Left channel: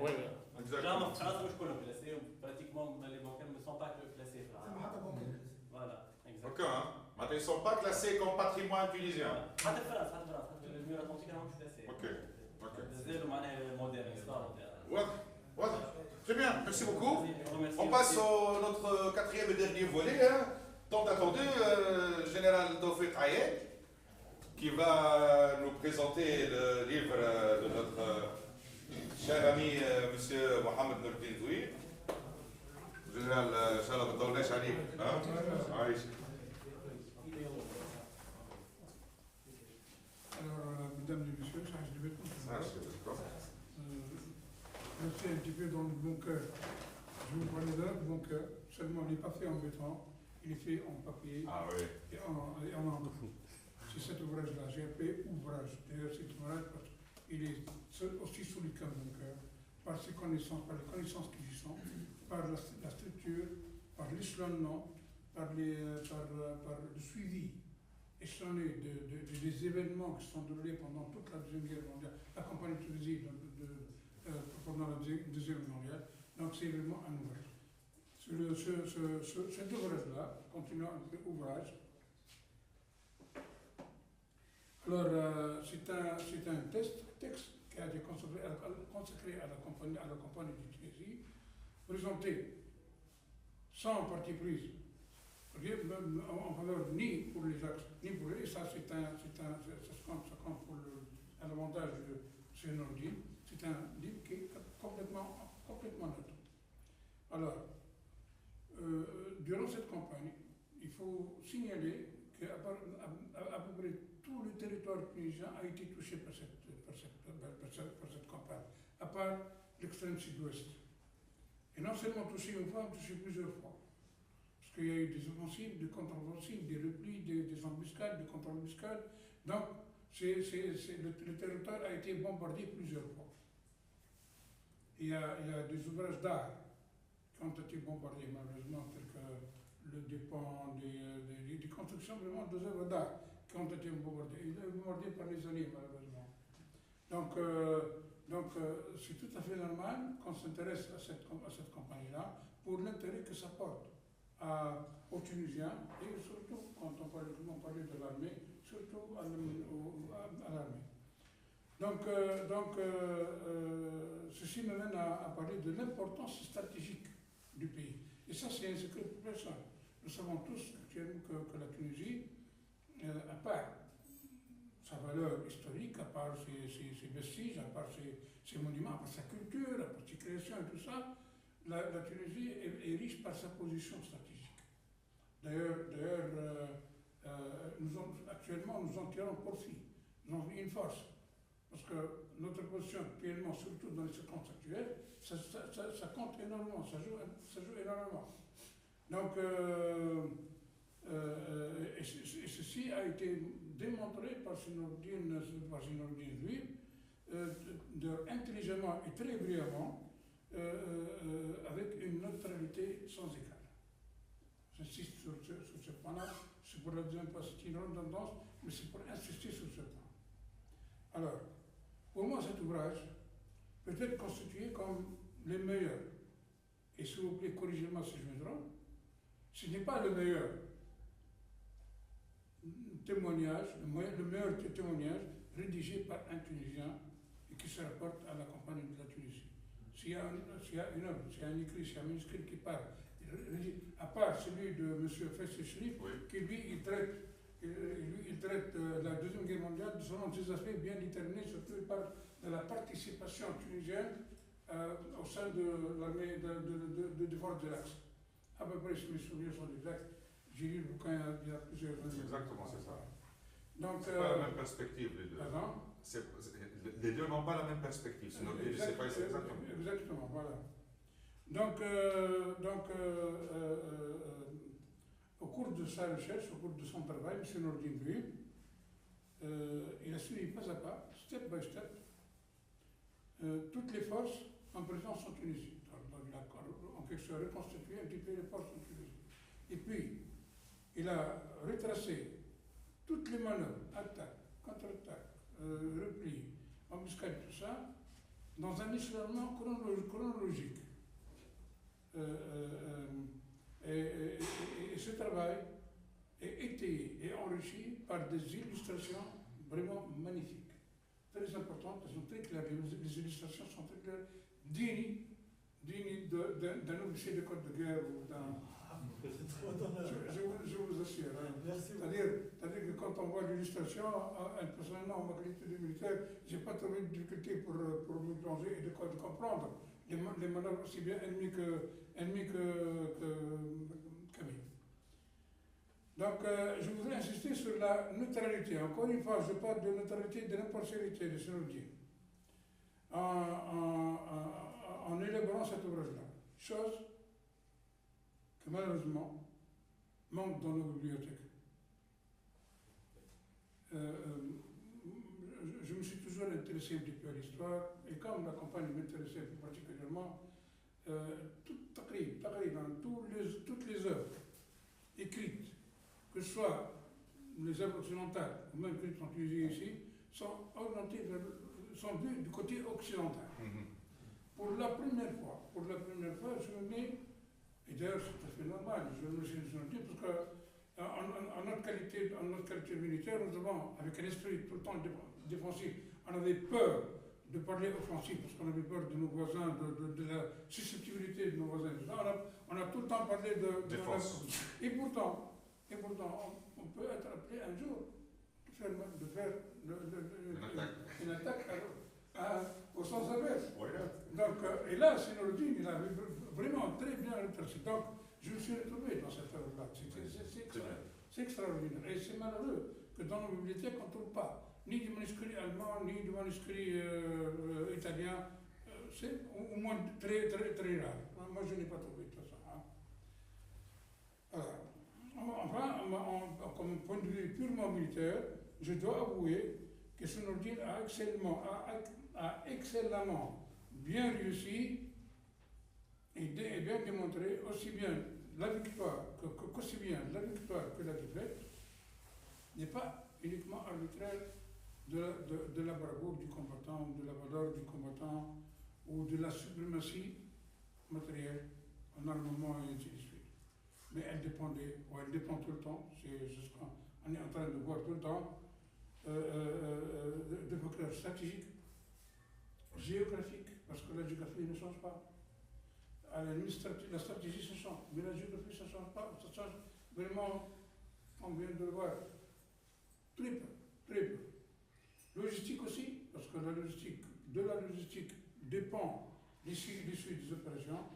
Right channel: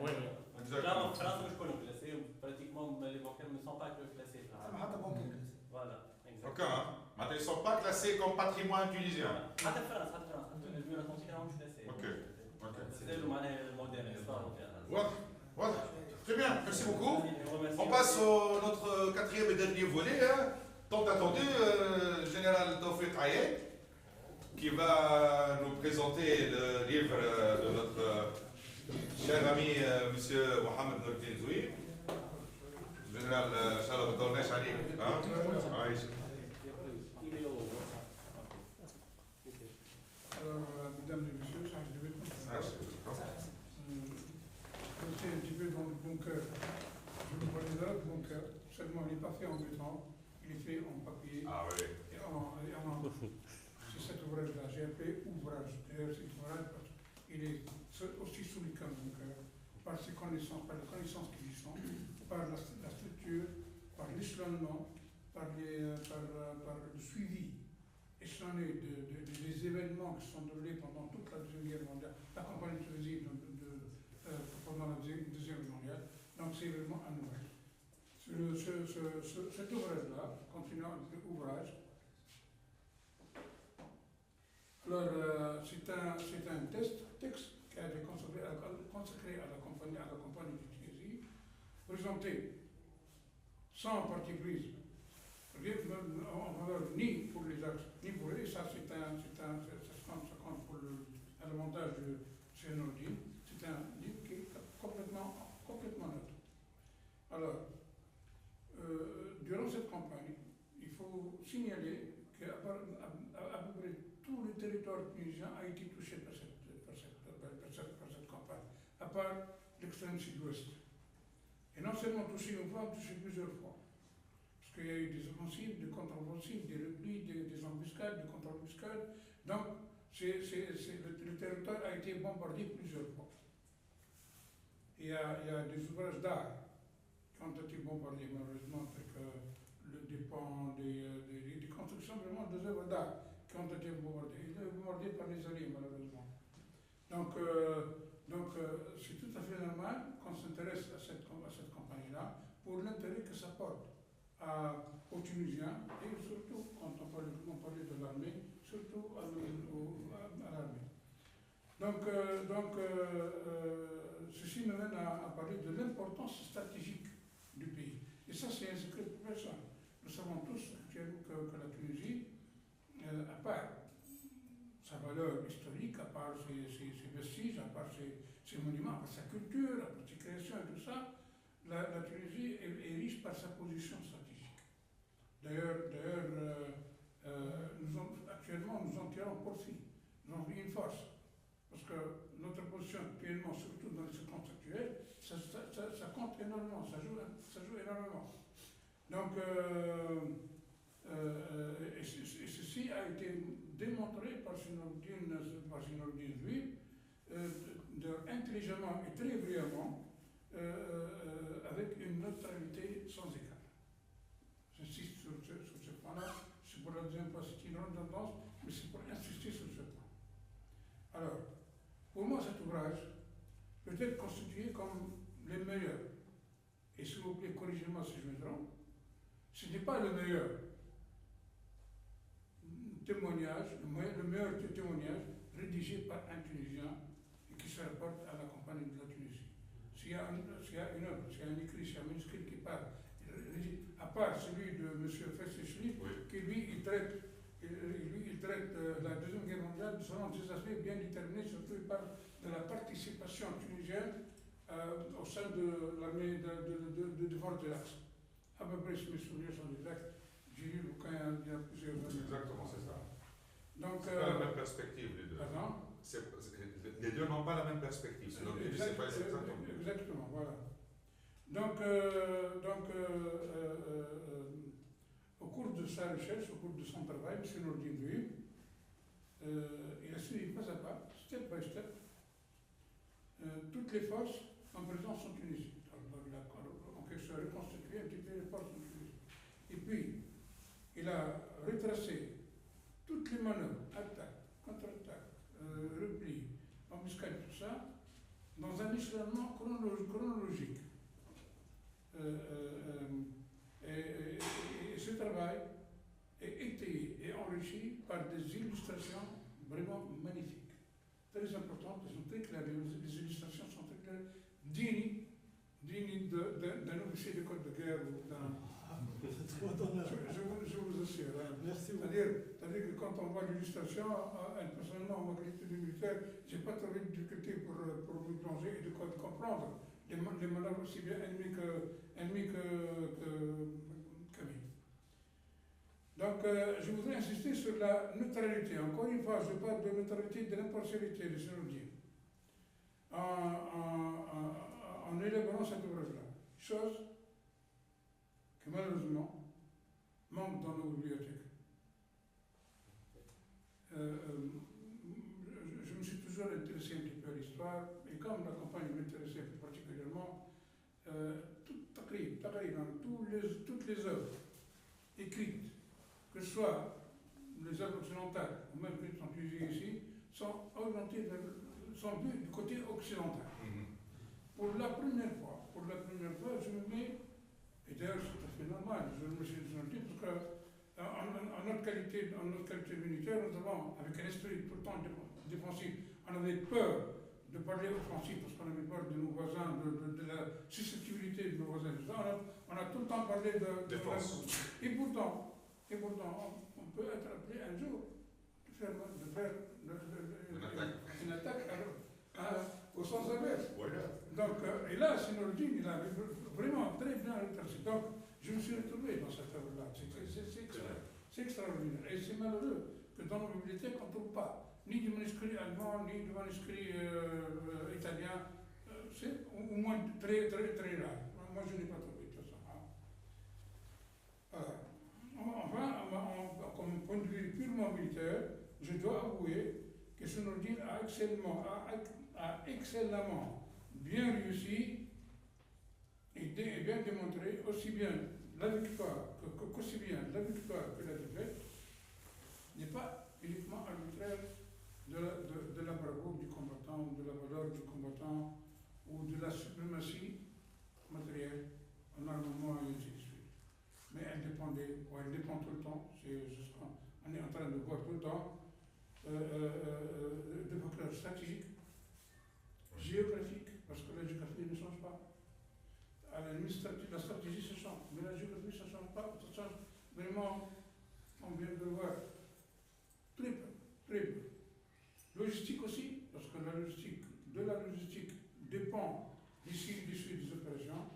Oui, oui. Exactement. En France, je connais classé, pratiquement les bancaires ne sont pas classés. Voilà, exactement. Ok, hein. Mais ils ne sont pas classés comme patrimoine tunisien. حتى في فرنسا الميرا كونتيك راهم كلاسي. Ok, ok. زادوا معناها موديرن histoire moderne. Voilà, voilà. Très bien, merci beaucoup. On passe au notre quatrième et dernier volet, hein, tant attendu, général Tawfiq Ayed, qui va nous présenter le livre de notre cher ami monsieur Mohamed Nourdine Zouir. Général, Inch'Allah, vous donnez Chalik. Alors, mesdames et messieurs, je vais rester un petit peu dans le bon cœur. Je vous parle de là, le bon cœur. Seulement, il n'est pas fait en béton, il est fait en papier. Ah oui. Et en encre. C'est cet ouvrage-là. J'ai appelé ouvrage. D'ailleurs, cet ouvrage, il est aussi sous le cœur de mon cœur, par ses connaissances, par les connaissances qui y sont, par la structure, par l'échelonnement, par le suivi échelonné des événements qui sont déroulés pendant toute la Deuxième Guerre mondiale, la campagne de Tunisie pendant la Deuxième Guerre mondiale. Donc c'est vraiment un ouvrage. Cet ouvrage-là, continuant l'ouvrage, alors c'est un texte qui a été consacré à la campagne de Tunisie, présenté sans parti prise, en valeur ni pour les axes, ni pour les. Ça compte pour l'avantage de Sénordine. C'est un livre qui est complètement neutre. Alors, durant cette campagne, il faut signaler qu'à peu près tout le territoire tunisien a été touché par cette campagne, à part l'extrême sud-ouest. Et non seulement touché une fois, touché plusieurs fois. Parce qu'il y a eu des offensives, des contre-offensives, des replis, des embuscades, des contre-embuscades. Donc, le territoire a été bombardé plusieurs fois. Il y a des ouvrages d'art qui ont été bombardés, malheureusement, tels que des ponts, des constructions, vraiment des œuvres d'art qui ont été bombardées. Ils ont été bombardés par les Alliés, malheureusement. Donc, c'est tout à fait normal qu'on s'intéresse à cette campagne-là pour l'intérêt que ça porte aux Tunisiens et surtout, quand on parlait de l'armée, surtout à l'armée. Donc, ceci me mène à parler de l'importance stratégique du pays. Et ça, c'est un secret pour personne. Nous savons tous que la Tunisie, à part sa valeur historique, à part ses vestiges, à part ses monuments, à part sa culture, à part ses créations et tout ça, la Tunisie est riche par sa position stratégique. D'ailleurs, actuellement, nous en tirons profit. Nous avons une force. Parce que notre position actuellement, surtout dans les circonstances actuelles, ça compte énormément, ça joue énormément. Donc, et ceci a été démontré par Sénordine Zouir, intelligemment et très brillamment, avec une neutralité sans égal. J'insiste sur ce point-là, c'est pour la deuxième fois, c'est une redondance, mais c'est pour insister sur ce point. Alors, pour moi, cet ouvrage peut être constitué comme les meilleurs. Et s'il vous plaît, corrigez-moi si je me trompe, ce n'est pas le meilleur témoignage, le meilleur témoignage rédigé par un Tunisien et qui se rapporte à la campagne de la Tunisie. S'il y a une œuvre, s'il y a un écrit, s'il y a un manuscrit qui parle, à part celui de M. Faisal Chrif, qui lui, il traite la Deuxième Guerre mondiale selon des aspects bien déterminés, surtout il parle de la participation tunisienne au sein de l'armée de défense de l'Axe. À peu près, si mes souvenirs sont exacts, j'ai lu le bouquin il y a plusieurs années. Exactement, c'est ça. Donc, c'est pas la même perspective, les deux. Pardon? Les deux n'ont pas la même perspective. Exactement, voilà. Donc, au cours de sa recherche, au cours de son travail, M. Nourdine Zouir, il a suivi pas à pas, step by step, toutes les forces en présence en Tunisie. Il a en quelque sorte reconstitué un petit peu les forces en Tunisie. Et puis, il a retracé toutes les manœuvres, attaques, contre-attaques, replis, embuscades, tout ça, dans un échelonnement chronologique. Et ce travail est étayé et enrichi par des illustrations vraiment magnifiques, très importantes, elles sont très claires, les illustrations sont très claires, dignes d'un officier de corps de guerre ou d'un... Je vous assure. Hein. C'est-à-dire que quand on voit l'illustration, personnellement, en ma qualité de militaire, je n'ai pas trouvé de difficulté pour me plonger et de comprendre les manœuvres aussi bien ennemies qu'amies. Donc, je voudrais insister sur la neutralité. Encore une fois, je parle de neutralité, de l'impartialité de Sénourdine en élaborant cet ouvrage-là. Chose que malheureusement manque dans nos bibliothèques. Je me suis toujours intéressé un petit peu à l'histoire, et comme la campagne m'intéressait plus particulièrement, toutes les œuvres écrites, que ce soit les œuvres occidentales ou même celles qui sont utilisées ici, sont vues du côté occidental. Pour la première fois, je me mets, et d'ailleurs c'est tout à fait normal, je me suis dit parce que en notre qualité militaire, nous avons, avec un esprit tout le temps défensif, on avait peur de parler offensif parce qu'on avait peur de nos voisins, de la susceptibilité de nos voisins. On a tout le temps parlé de défense. Et pourtant, on peut être appelé un jour de faire une attaque au sens inverse. Donc, et là, Sénourdine, il a vraiment très bien rétréci. Donc, je me suis retrouvé dans cette œuvre-là. C'est extraordinaire. Et c'est malheureux que dans nos bibliothèques, on ne trouve pas ni du manuscrit allemand, ni du manuscrit italien. C'est au moins très, très, très rare. Moi, je n'ai pas trouvé tout ça. Alors, enfin, comme point de vue purement militaire, je dois avouer que Sénourdine a excellemment bien réussi et bien démontré aussi bien la victoire que la défaite n'est pas uniquement arbitraire de la bravoure du combattant, de la valeur du combattant ou de la suprématie matérielle en armement et ainsi de suite. Mais elle dépend tout le temps, c'est ce qu'on est en train de voir tout le temps, de facteurs stratégiques, géographiques, parce que la géographie ne change pas. À la limite, la stratégie se change, mais la géographie ça ne change pas, ça change vraiment, on vient de le voir, très peu, très peu. Logistique aussi, parce que la logistique dépend l'issue des opérations.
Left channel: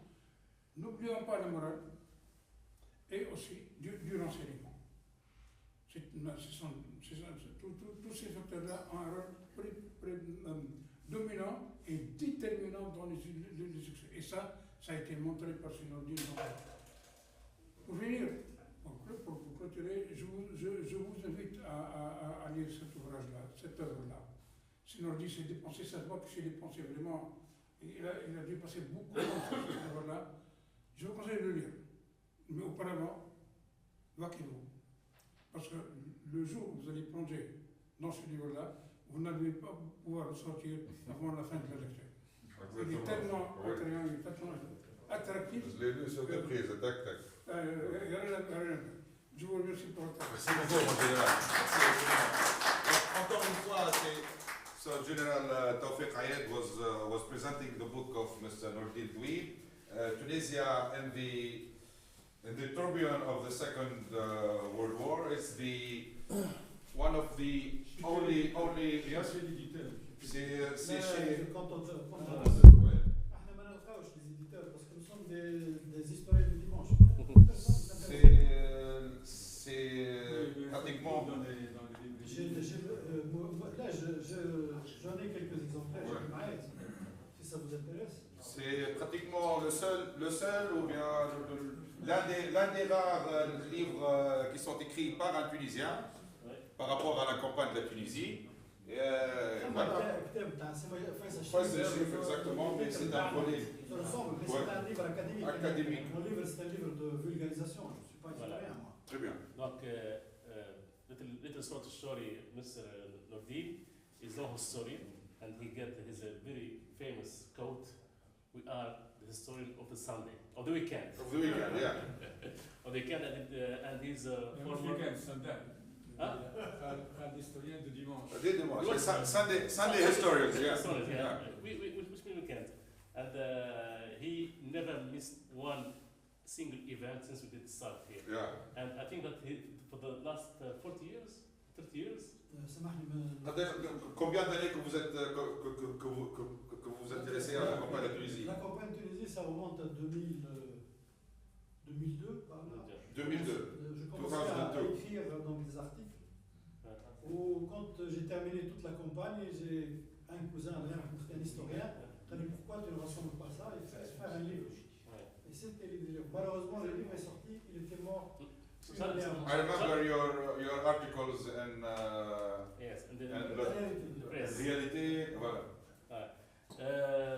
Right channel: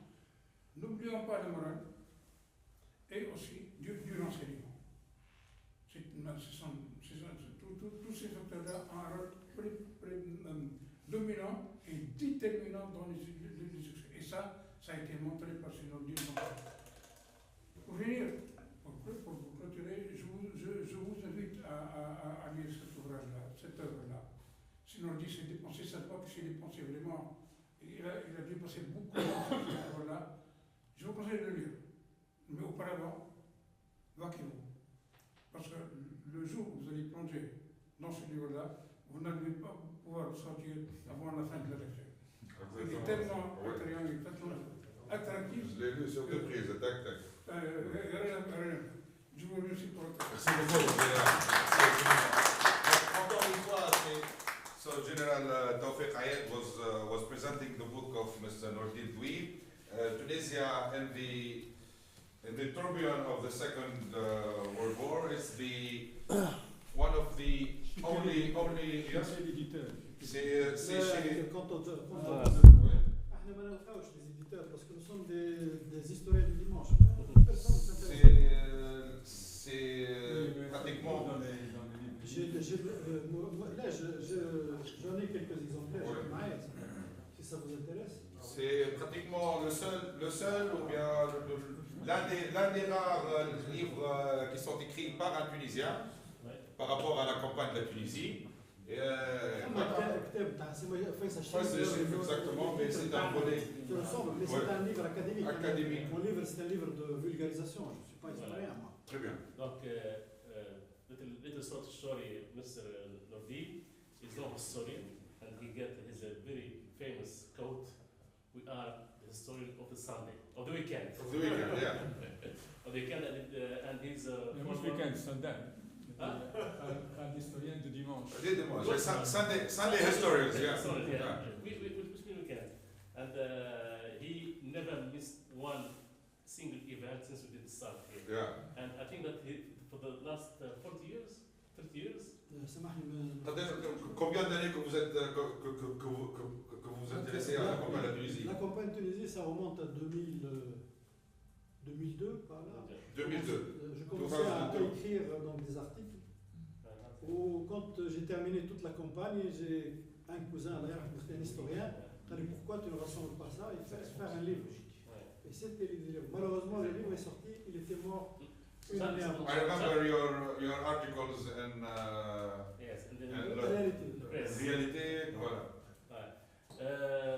N'oublions pas la morale et aussi du renseignement. Tous ces facteurs-là ont un rôle dominant et déterminant dans les succès. Et ça a été montré par Sénourdine. Pour finir, pour clôturer, je vous invite à lire cet ouvrage-là, cette œuvre-là. Sénourdine s'est dépensé, ça se voit qu'il s'est dépensé vraiment. Il a dépensé beaucoup dans cette œuvre-là. Je vous conseille de le lire. Mais auparavant, vaquez-vous. Parce que le jour où vous allez plonger dans ce livre-là, vous n'allez pas pouvoir ressortir avant la fin de la lecture. Il est tellement attrayant, il est tellement attractif. Je l'ai lu sur deux prises, tac. Je vous remercie pour votre attention. Merci beaucoup, mon général. Encore une fois, so General Tawfiq Ayed was presenting the book of Mr. Noordin Dweeb, Tunisia in the tourbillon of the Second World War. It's one of the only yes. C'est chez parce que nous sommes des historiens du dimanche. C'est pratiquement. Là, j'en ai quelques exemplaires, si ça vous intéresse. C'est pratiquement le seul ou bien l'un des rares livres qui sont écrits par un Tunisien par rapport à la campagne de la Tunisie. Exactement, mais c'est un volet. Ça ressemble, mais c'est un livre académique. Mon livre, c'est un livre de vulgarisation. Je ne suis pas historien, moi. Très bien. Donc, little short story, Mr. Noordin is no historian, and he get his very famous quote, "We are the historian of the Sunday, of the weekend." Of the weekend, yeah. Of the weekend, and he's Which former- weekend? Sunday. Hein? Un historien de dimanche. Dès dimanche. Sunday historians, yeah. Sorry, yeah. Yeah. Which mean weekend. And he never missed one single event since we did start here. Yeah. And I think that for the last 40 years, 30 years, سامحني ما Combien d'années que vous êtes que vous vous intéressez à la campagne de Tunisie? La campagne de Tunisie, ça remonte à 2002, par là. 2002. Je commençais à 2002. écrire donc, des articles. Où, quand j'ai terminé toute la campagne, j'ai un cousin, d'ailleurs, un historien, qui m'a dit pourquoi tu ne rassembles pas ça et faire un livre. Et c'était le livre. Malheureusement, le livre est sorti, il était mort une année avant. I remember your articles and yes, and then and press. réalité, voilà.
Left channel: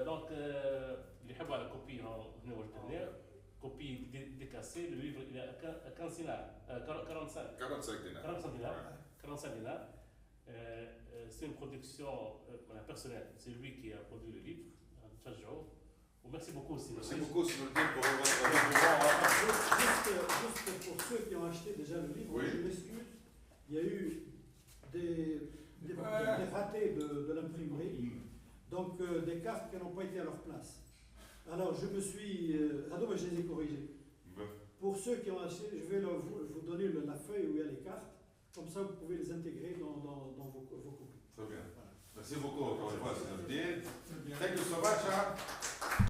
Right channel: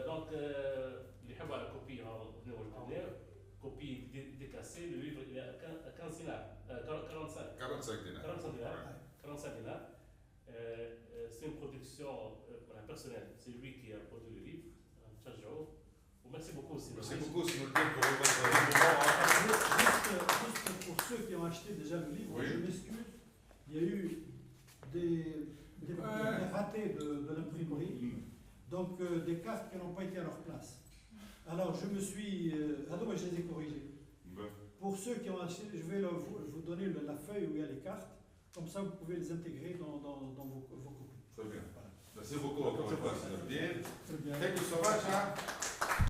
Donc, اللي يحبوا على كوبي هنا وريتناه كوبي décassé, le livre il est à 15 dinars, 45 45 dinars. 45 dinars. 45 dinars. C'est une production personnelle, c'est lui qui a produit le livre. تشجعوه وميرسي beaucoup aussi. Merci beaucoup, si nous le dites, pour votre dévouement. Juste pour ceux qui ont acheté déjà le livre, Oui. je m'excuse, il y a eu des ratés de l'imprimerie, donc des cartes qui n'ont pas été à leur place. Alors je me suis... mais je les ai corrigées. Pour ceux qui ont acheté, je vais vous donner la feuille où il y a les cartes, comme ça vous pouvez les intégrer dans vos copies. Très bien. Voilà. Merci beaucoup encore une fois, Sinoudine. Très bien. Thank you so much.